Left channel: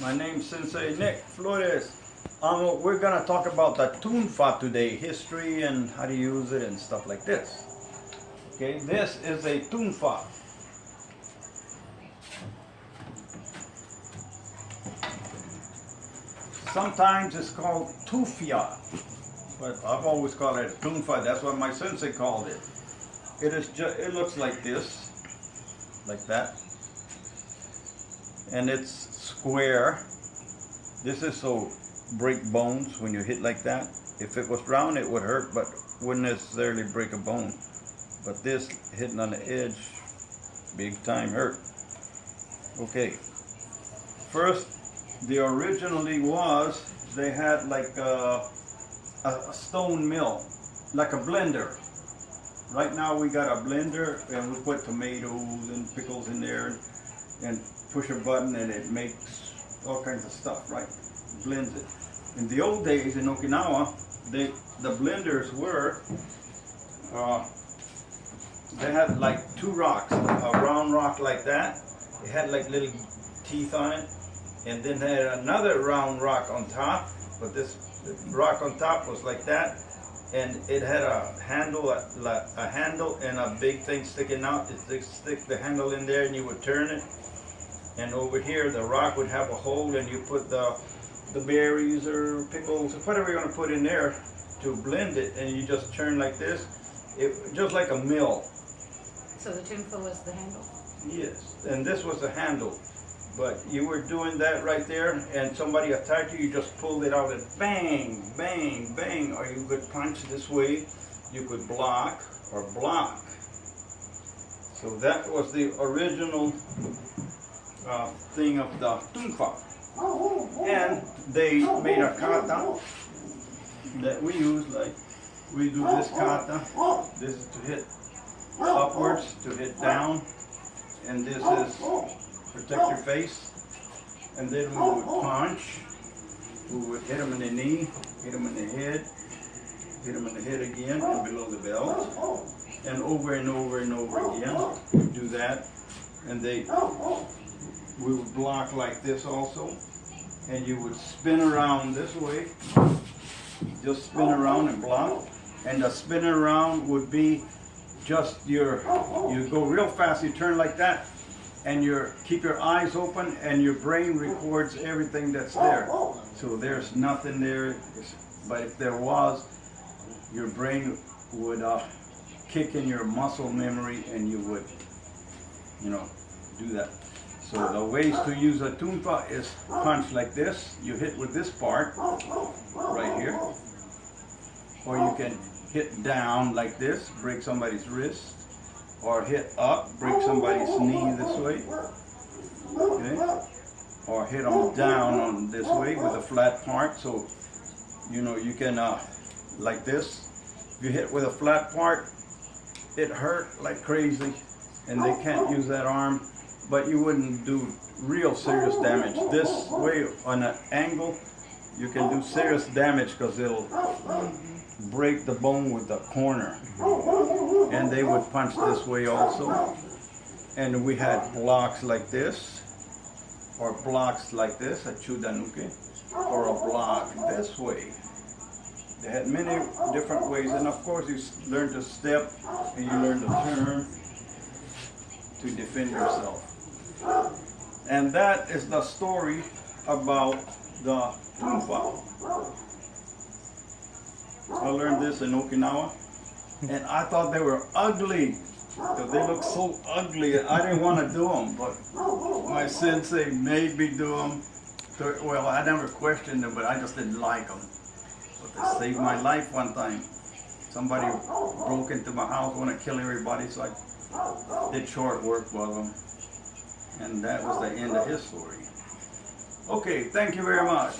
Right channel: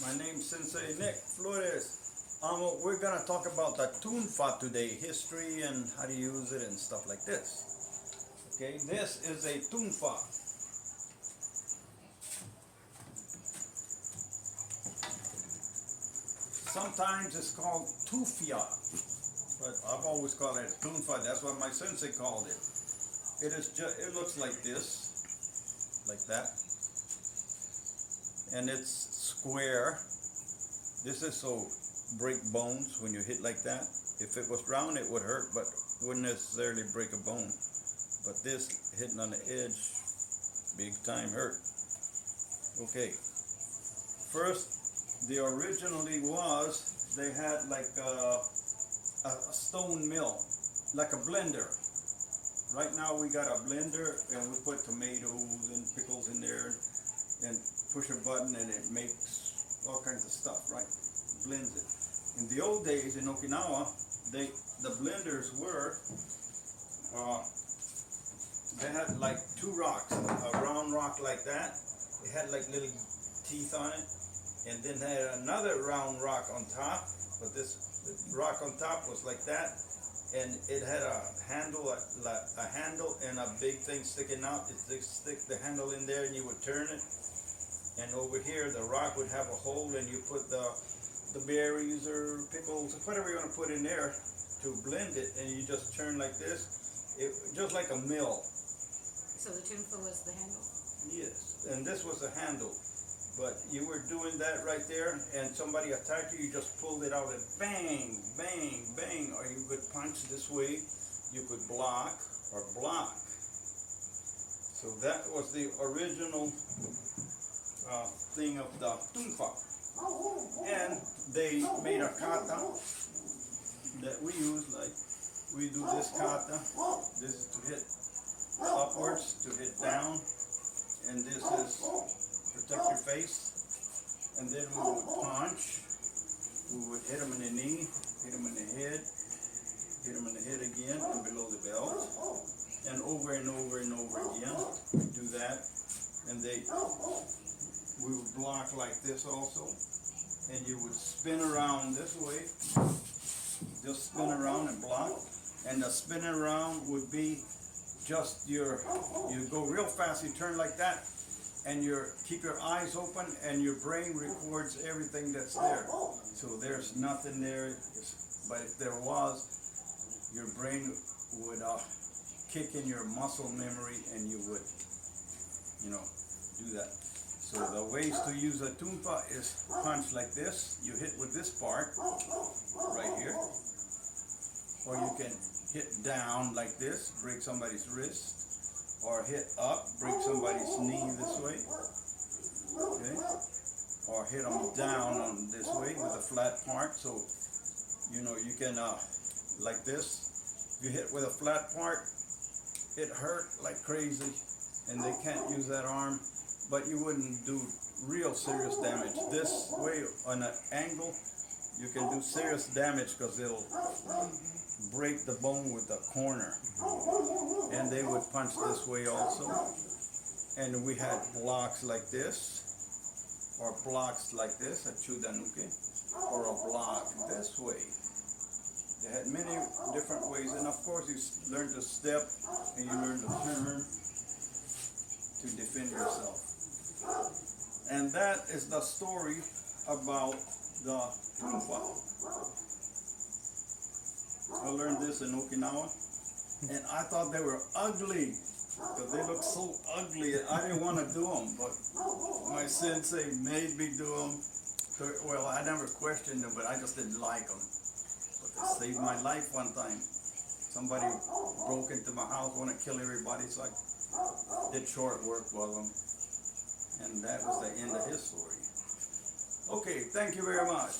My name's Sensei Nick Flores. We're gonna talk about the TUFA today, history and how to use it and stuff like this. Okay, this is a TUFA. Sometimes it's called TUFA, but I've always called it TUFA. That's what my sensei called it. It looks like this, like that, and it's square. This is so break bones when you hit like that. If it was round, it would hurt, but wouldn't necessarily break a bone. But this hitting on the edge, big time hurt. Okay, first, the originally was they had like a stone mill, like a blender. Right now we got a blender and we put tomatoes and pickles in there and push a button and it makes all kinds of stuff, right? Blends it. In the old days in Okinawa, the blenders were, they had like two rocks, a round rock like that. It had like little teeth on it, and then they had another round rock on top, but this rock on top was like that, and it had a handle and a big thing sticking out. It stick the handle in there and you would turn it. And over here, the rock would have a hole, and you put the berries or pickles, or whatever you're going to put in there to blend it, and you just turn like this. Just like a mill. So the TUFA was the handle? Yes, and this was the handle. But you were doing that right there, and somebody attacked you, you just pulled it out and bang, bang, bang. Or you could punch this way, you could block or block. So that was the original thing of the TUFA. And they made a kata that we use, like we do this kata. This is to hit upwards, to hit down, and this is protect your face. And then we would punch. We would hit them in the knee, hit them in the head, hit them in the head again and below the belt, and over and over and over again. We do that, and we would block like this also, and you would spin around this way, just spin around and block, and the spin around would be just you go real fast, you turn like that, and keep your eyes open, and your brain records everything that's there. So there's nothing there, but if there was, your brain would kick in your muscle memory, and you would, do that. So the ways to use a TUFA is punch like this. You hit with this part right here, or you can hit down like this, break somebody's wrist, or hit up, break somebody's knee this way, okay? Or hit them down on this way with a flat part. So you can like this. If you hit with a flat part, it hurt like crazy, and they can't use that arm. But you wouldn't do real serious damage. This way, on an angle, you can do serious damage because it'll break the bone with the corner. And they would punch this way also. And we had blocks like this, or blocks like this, a chudanuke, or a block this way. They had many different ways, and of course you learn to step, and you learn to turn to defend yourself. And that is the story about the TUFA. I learned this in Okinawa, and I thought they were ugly, because they look so ugly, and I didn't want to do them, but my sensei made me do them. Well, I never questioned them, but I just didn't like them. But they saved my life one time. Somebody broke into my house, wanted to kill everybody, so I did short work with them. And that was the end of his story. Okay, thank you very much.